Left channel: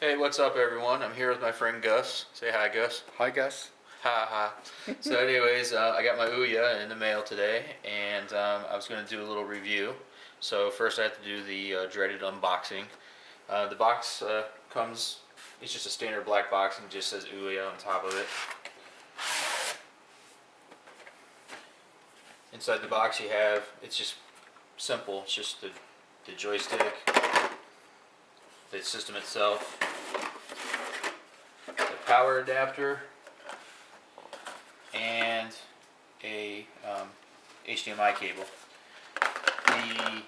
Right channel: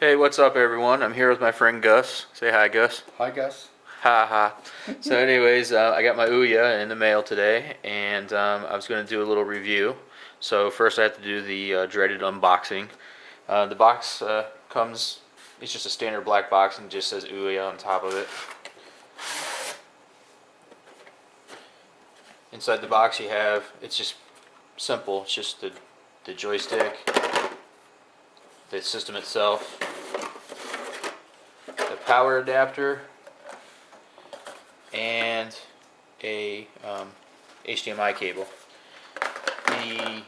Hey, what's up, everyone? I'm here with my friend Gus. Say hi, Gus. Hi, Gus. Ha ha. So, anyways, I got my OUYA in the mail today, and I was going to do a little review. So, first, I have to do the dreaded unboxing. The box comes, it's just a standard black box and just says OUYA on top of it. Inside the box, you have, it's just simple, it's just the joystick, the system itself, the power adapter, and a HDMI cable. The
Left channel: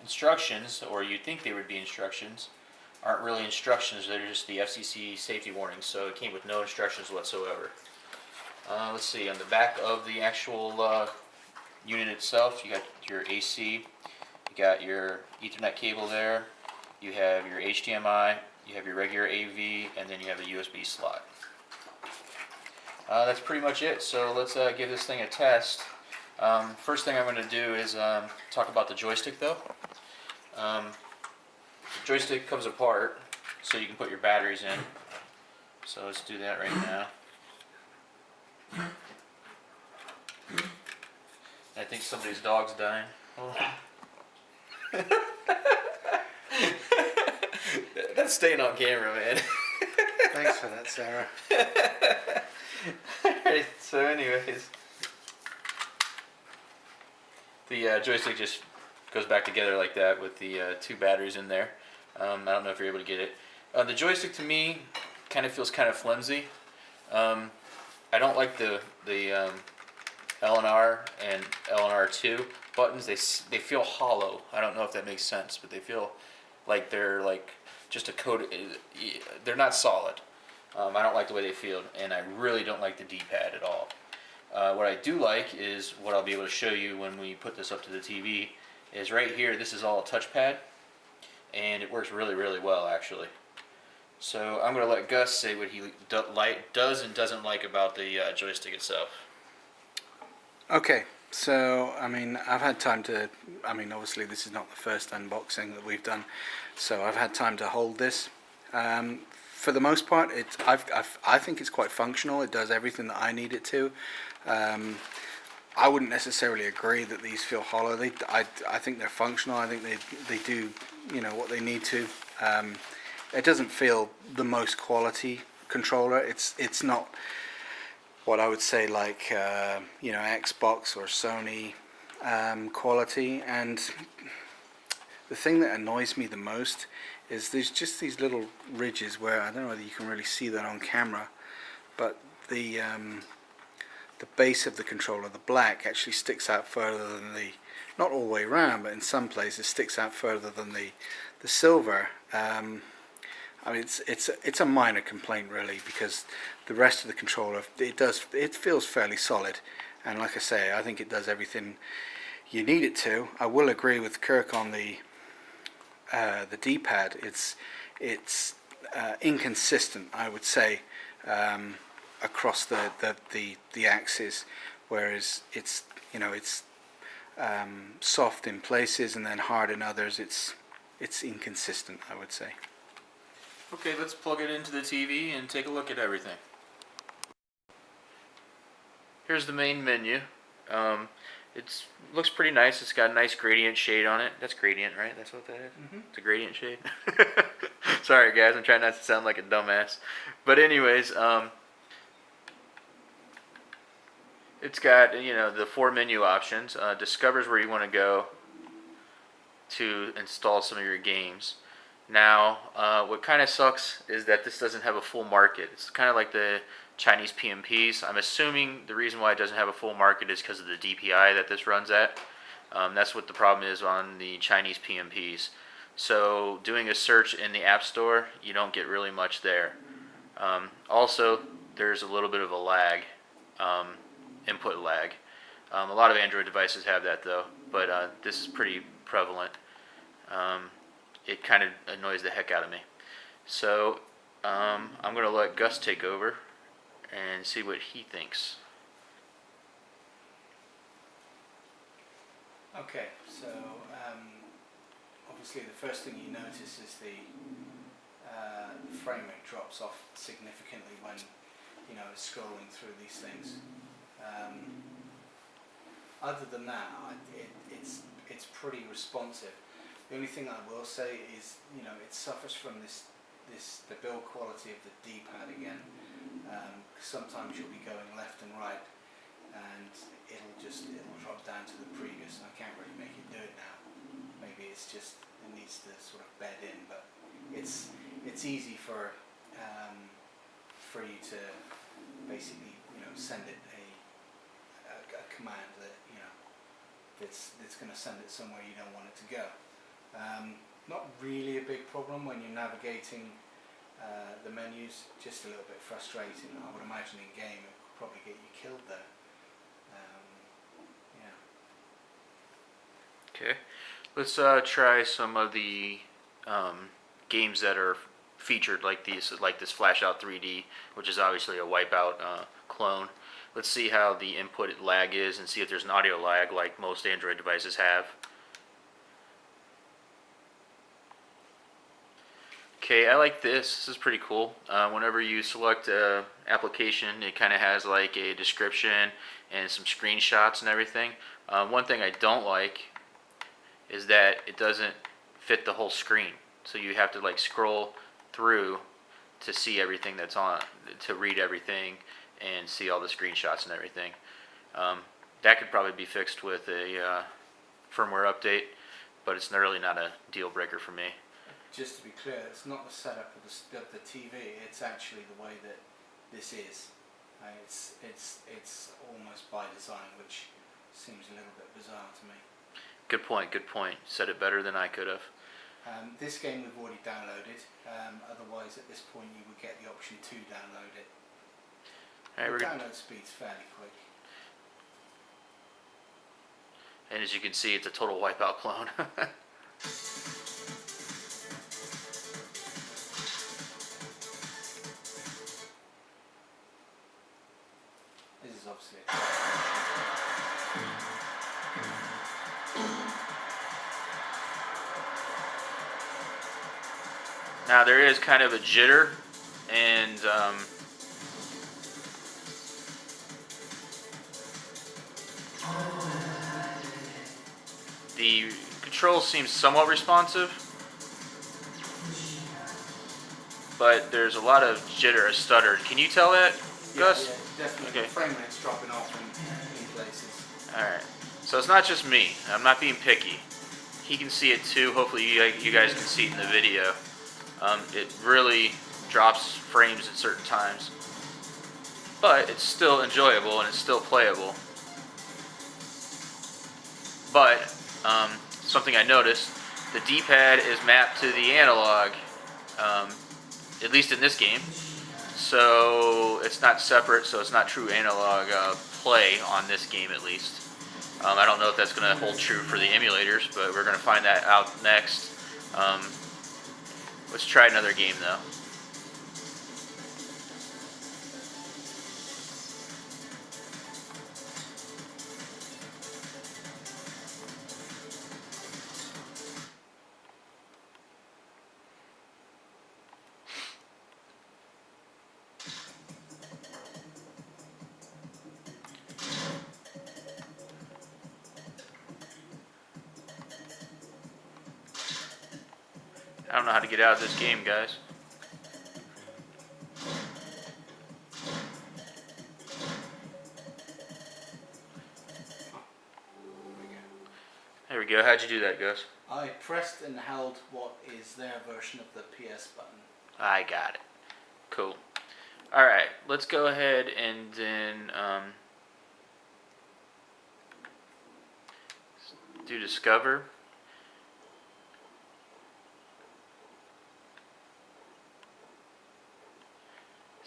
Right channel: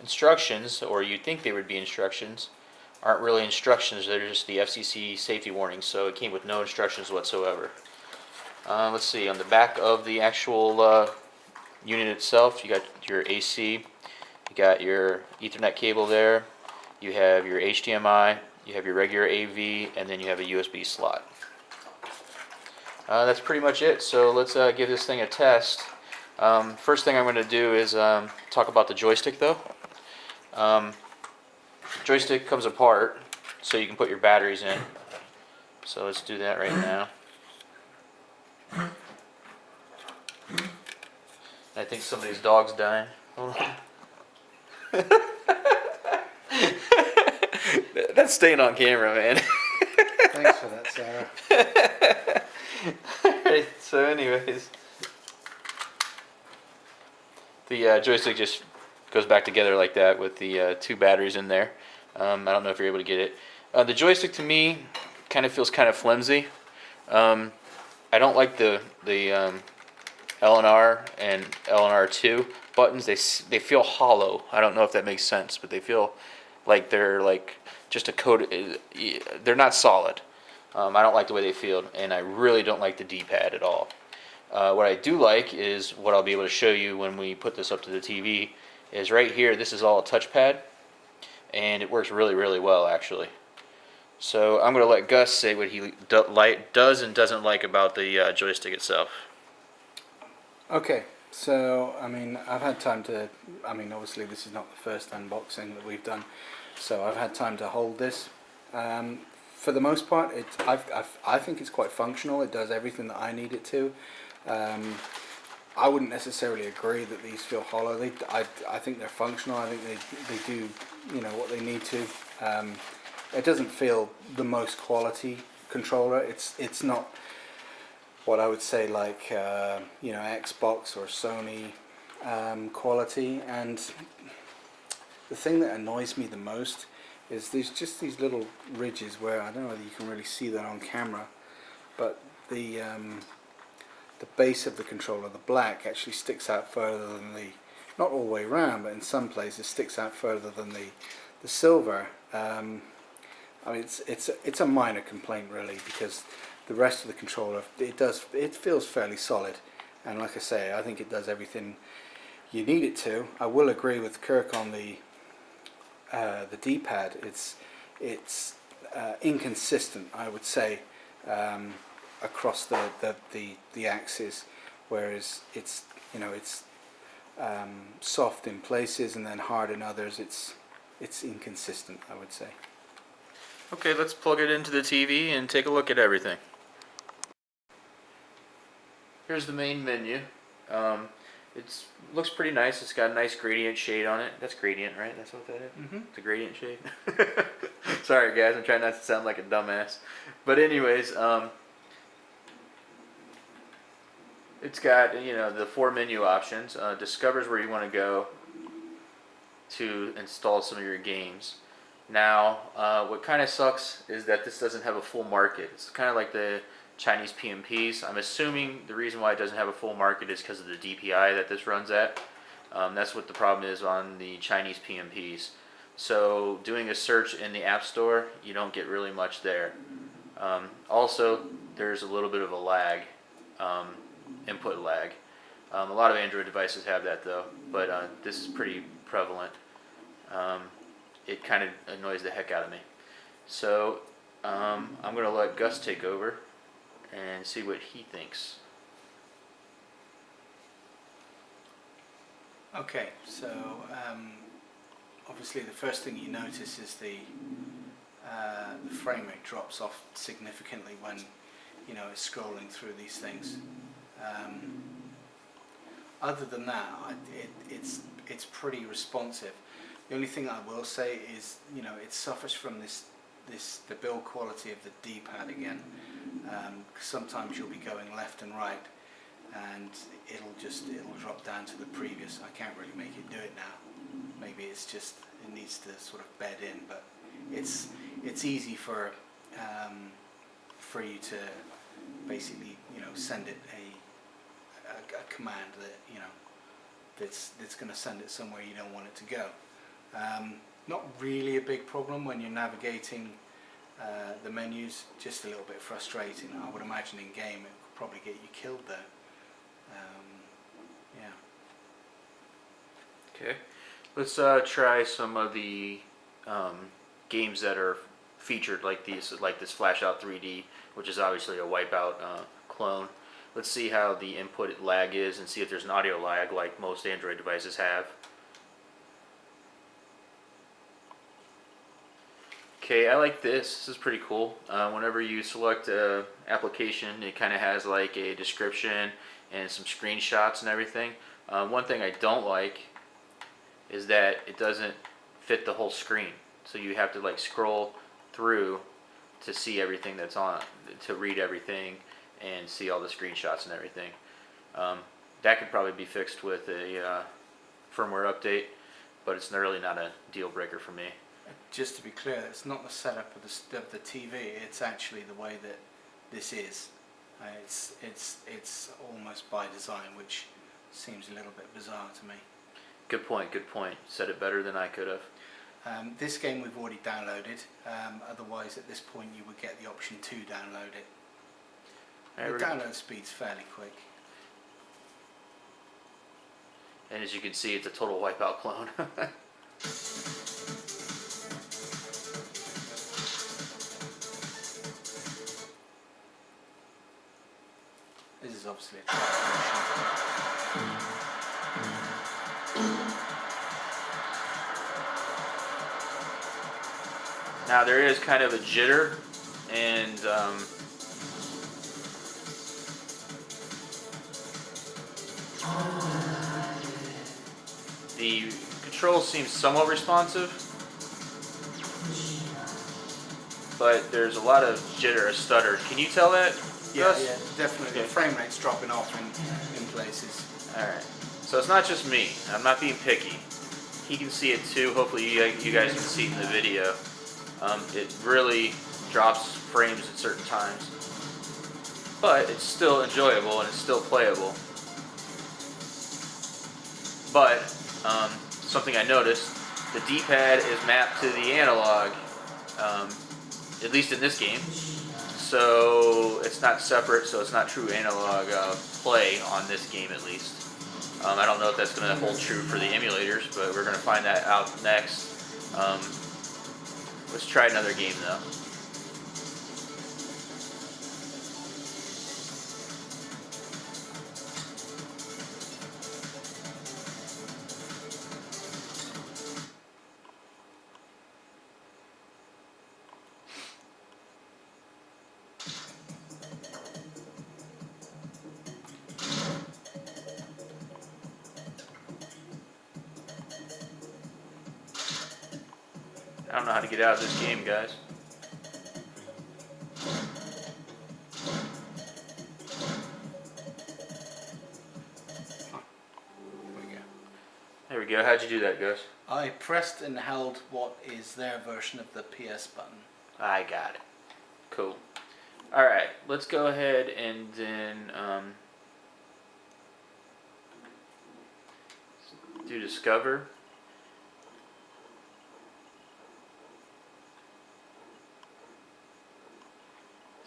instructions, or you'd think they would be instructions, aren't really instructions. They're just the FCC safety warnings, so it came with no instructions whatsoever. Let's see, on the back of the actual unit itself, you got your AC, you got your Ethernet cable there, you have your HDMI, you have your regular AV, and then you have a USB slot. That's pretty much it. So let's give this thing a test. First thing I'm going to do is talk about the joystick, though. Joystick comes apart, so you can put your batteries in. So let's do that right now. I think somebody's dog's dying. Hold on. That's staying on camera, man. Thanks for that, Sarah. Alright, so anyways, the joystick just goes back together like that with the two batteries in there. I don't know if you're able to get it. The joystick to me kind of feels kind of flimsy. I don't like the LNR and LNR2 buttons. They feel hollow. I don't know if that makes sense, but they feel like they're like just a coat. They're not solid. I don't like the way they feel, and I really don't like the D-pad at all. What I do like is what I'll be able to show you when we put this up to the TV is right here. This is all a touchpad, and it works really, really well, actually. So I'm going to let Gus say what he does and doesn't like about the joystick itself. Okay, so, I've had time to, obviously this is not the first unboxing that we've done, so I've had time to hold this. For the most part, I think it's quite functional. It does everything that I need it to. I wouldn't necessarily agree that these feel hollow. I think they're functional. I think they do, what they need to. It doesn't feel the most quality controller. It's not what I would say like Xbox or Sony quality. And the thing that annoys me the most is there's just these little ridges where I don't know whether you can really see that on camera, but the base of the controller, the black, actually sticks out further than the, not all the way around, but in some places sticks out further than the silver. It's a minor complaint really, because the rest of the controller, it feels fairly solid, and like I say, I think it does everything you need it to. I will agree with Kirk on the D-pad. It's inconsistent, I would say, across the axis, whereas it's soft in places and then hard in others. It's inconsistent, I would say. Okay, let's plug it into the TV and take a look at everything. Here's the main menu. It looks pretty nice. It's got a nice gradient shade on it. That's gradient, right? That's what that is? Mm-hmm. It's a gradient shade. Sorry, guys. I'm trying not to sound like a dumbass. But anyways, it's got the 4 menu options. Discovers where you want to go to install some of your games. Now, what kind of sucks is that this doesn't have a full market. It's kind of like the Chinese PMPs. I'm assuming the reason why it doesn't have a full market is because of the DPI that this runs at. That's what the problem is on the Chinese PMPs. So doing a search in the App Store, you don't get really much there. Also, there's a little bit of a lag, input lag. A lot of Android devices have that though, but this is pretty prevalent. It kind of annoys the heck out of me. So I'm going to let Gus take over and see what he thinks. Okay, so obviously the first thing you notice is the the frame rate drops off significantly when, you know, it's scrolling through these things. Other than that, it's pretty responsive. The only thing I will say is, you know, it suffers from the build quality of the D-pad again. Sometimes you'll be going left and right, and it'll drop down to the previous. I can't really make it do it now. Maybe it's just it needs to sort of bed in, but it's easy for you to basically, you know, send it a command that, you know, that's going to send it somewhere you don't want it to go. Not really a big problem when you're navigating the menus, just a little bit frustrating. I would imagine in game it could probably get you killed though. Yeah. Okay, let's try some of the games that are featured like this Flash Out 3D, which is obviously a Wipeout clone. Let's see how the input lag is and see if there's an audio lag like most Android devices have. Okay, I like this. This is pretty cool. Whenever you select an application, it kind of has like a description and some screenshots and everything. One thing I don't like is that it doesn't fit the whole screen. So you have to like scroll through to see everything that's on, to read everything and see all the screenshots and everything. That could probably be fixed with a firmware update, but it's really not a deal breaker for me. Just to be clear, it's not the setup of the TV. It's actually the way that this is. It's almost by design, which seems a little bit bizarre to me. Good point. Good point. Said it better than I could have. This game we've already downloaded. Otherwise, at this point, you would get the option to download it. The download speed's fairly quick. And as you can see, it's a total Wipeout clone. This is obviously a calculation. Now there is kind of a jitter, and the control seems somewhat responsive, but there's a lot of jitter, a stutter. Can you tell that, Gus? Yeah, definitely. Okay. The frame rate's dropping off in places. Alright, so it's not just me. I'm not being picky. He can see it too. Hopefully you guys can see it in the video. It really drops frames at certain times. But it's still enjoyable and it's still playable. But something I noticed, the D-pad is mapped to the analog, at least in this game. So it's not separate, so it's not true analog play on this game at least. I don't know if that's going to hold true for the emulators, but we're going to find that out next. Let's try another game though. I don't know how to get out of this game, guys. There we go. How'd you do that, Gus? I pressed and held what is their version of the PS button. I got it. Cool. Alright, let's go ahead and then do Discover.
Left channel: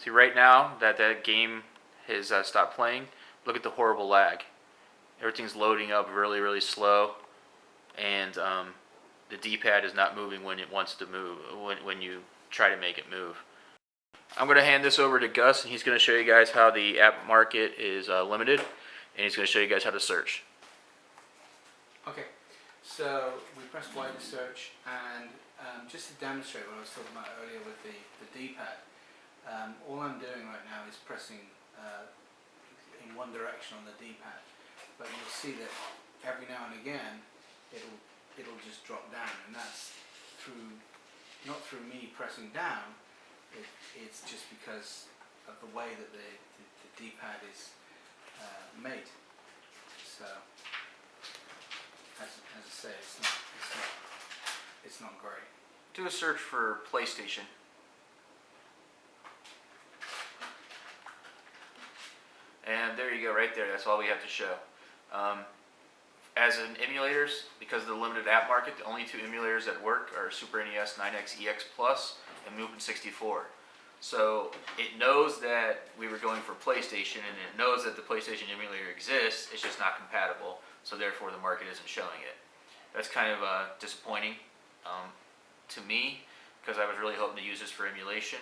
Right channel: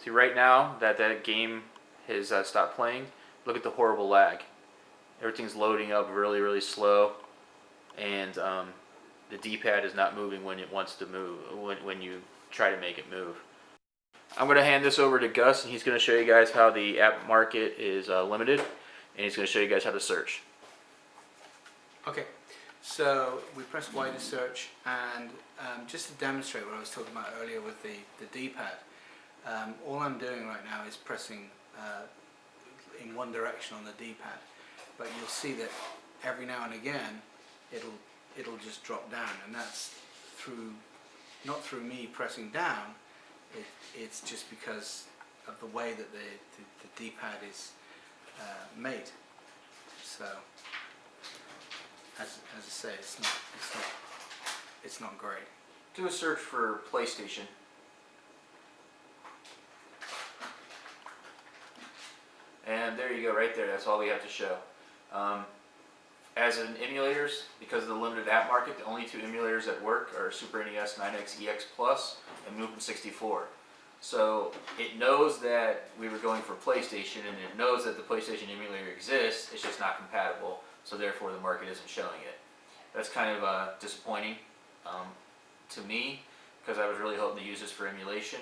See, right now that game has stopped playing, look at the horrible lag. Everything's loading up really, really slow, and the D-pad is not moving when it wants to move, when you try to make it move. I'm going to hand this over to Gus, and he's going to show you guys how the app market is limited, and he's going to show you guys how to search. Okay, So we press Y to search, and just to demonstrate what I was talking about earlier with the D-pad, all I'm doing right now is pressing in one direction on the D-pad, but you'll see that every now and again it'll just drop down, and that's through not through me pressing down. It's just because of the way that the D-pad is made. So as I say, it's not great. Do a search for PlayStation. And there you go, right there. That's all we have to show. As in emulators, because of the limited app market, the only two emulators that work are Super NES 9X EX Plus and Movement 64. So it knows that we were going for PlayStation, and it knows that the PlayStation emulator exists. It's just not compatible, so therefore the market isn't showing it. That's kind of disappointing to me, because I was really hoping to use this for emulation.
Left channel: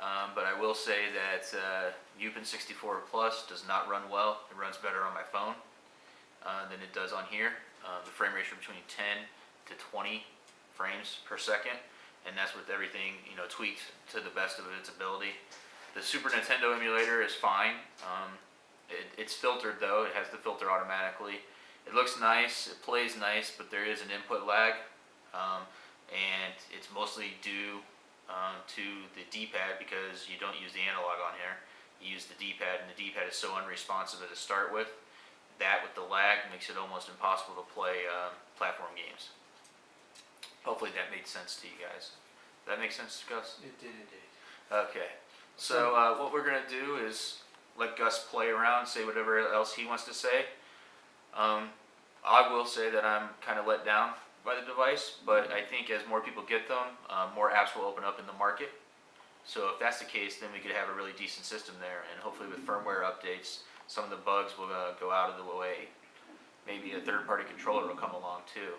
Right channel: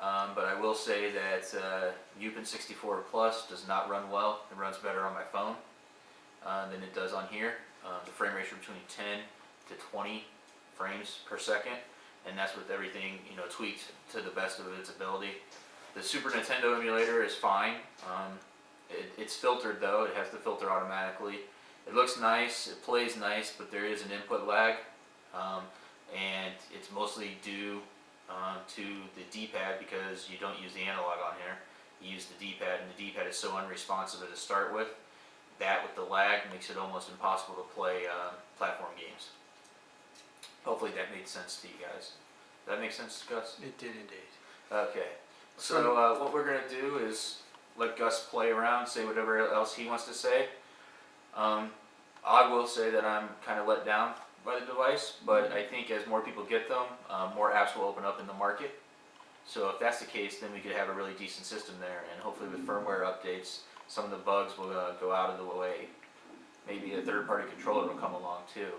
But I will say that Movement 64 Plus does not run well. It runs better on my phone than it does on here. The frame rates are between 10 to 20 frames per second, and that's with everything tweaked to the best of its ability. The Super Nintendo emulator is fine. It's filtered though. It has to filter automatically. It looks nice. It plays nice, but there is an input lag, and it's mostly due to the D-pad, because you don't use the analog on here. You use the D-pad, and the D-pad is so unresponsive to start with. That with the lag makes it almost impossible to play platform games. Hopefully that made sense to you guys. Does that make sense, Gus? It did indeed. Okay. So what we're going to do is let Gus play around, say whatever else he wants to say. I will say that I'm kind of let down by the device, but I think as more people get them, more apps will open up in the market. So if that's the case, then we could have a really decent system there, and hopefully with firmware updates, some of the bugs will go out of the way. Maybe a third-party controller will come along too.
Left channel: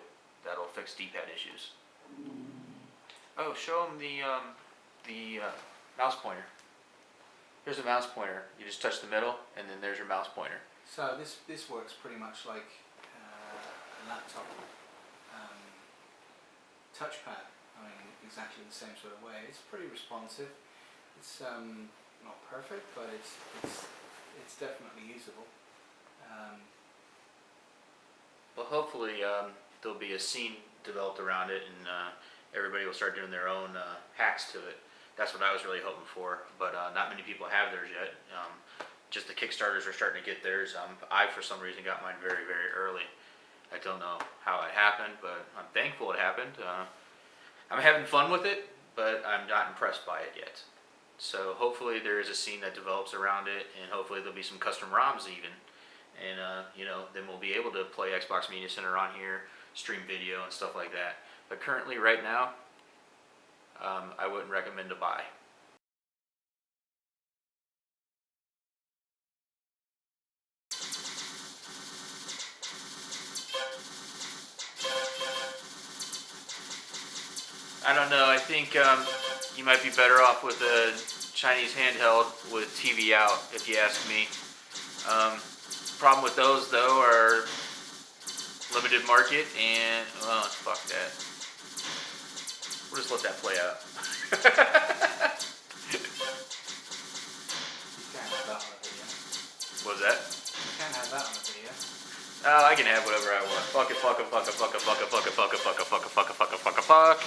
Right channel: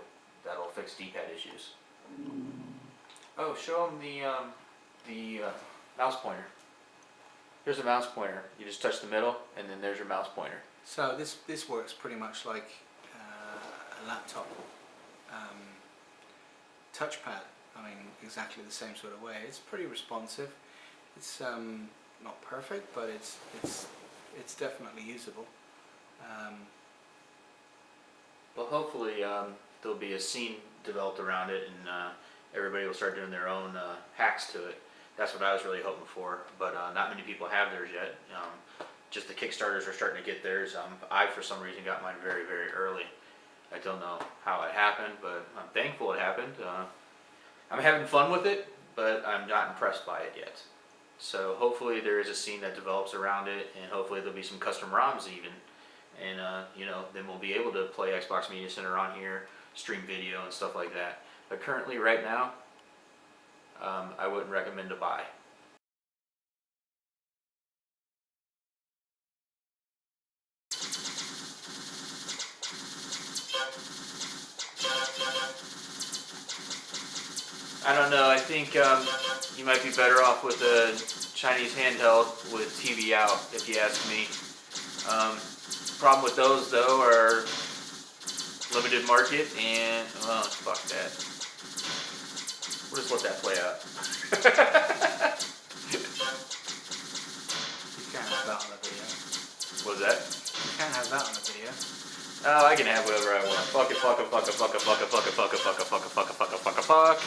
That'll fix D-pad issues. Oh, show them the mouse pointer. Here's a mouse pointer. You just touch the middle, and then there's your mouse pointer. So this works pretty much like a laptop touchpad. I mean, exactly the same sort of way. It's pretty responsive. It's not perfect, but it's definitely usable. Well, hopefully there'll be a scene developed around it, and everybody will start doing their own hacks to it. That's what I was really hoping for, but not many people have theirs yet. Just the Kickstarters are starting to get theirs. I, for some reason, got mine very, very early. I don't know how it happened, but I'm thankful it happened. I'm having fun with it, but I'm not impressed by it yet. So hopefully there is a scene that develops around it, and hopefully there'll be some custom ROMs even. And then we'll be able to play Xbox Media Center on here, stream video and stuff like that. But currently, right now, I wouldn't recommend to buy. I don't know, I think you might be better off with a Chinese handheld with TV out, if you ask me. Problem with those, though, are limited market, and, well, fuck that. We'll just let that play out. You can't have that on a video. What was that? You can't have that on a video. Oh, I can have whatever I want. Fuck it, fuck it, fuck it, fuck it, fuck it, fuck it, fuck it, fuck it, fuck it, fuck it, fuck it, fuck it, fuck.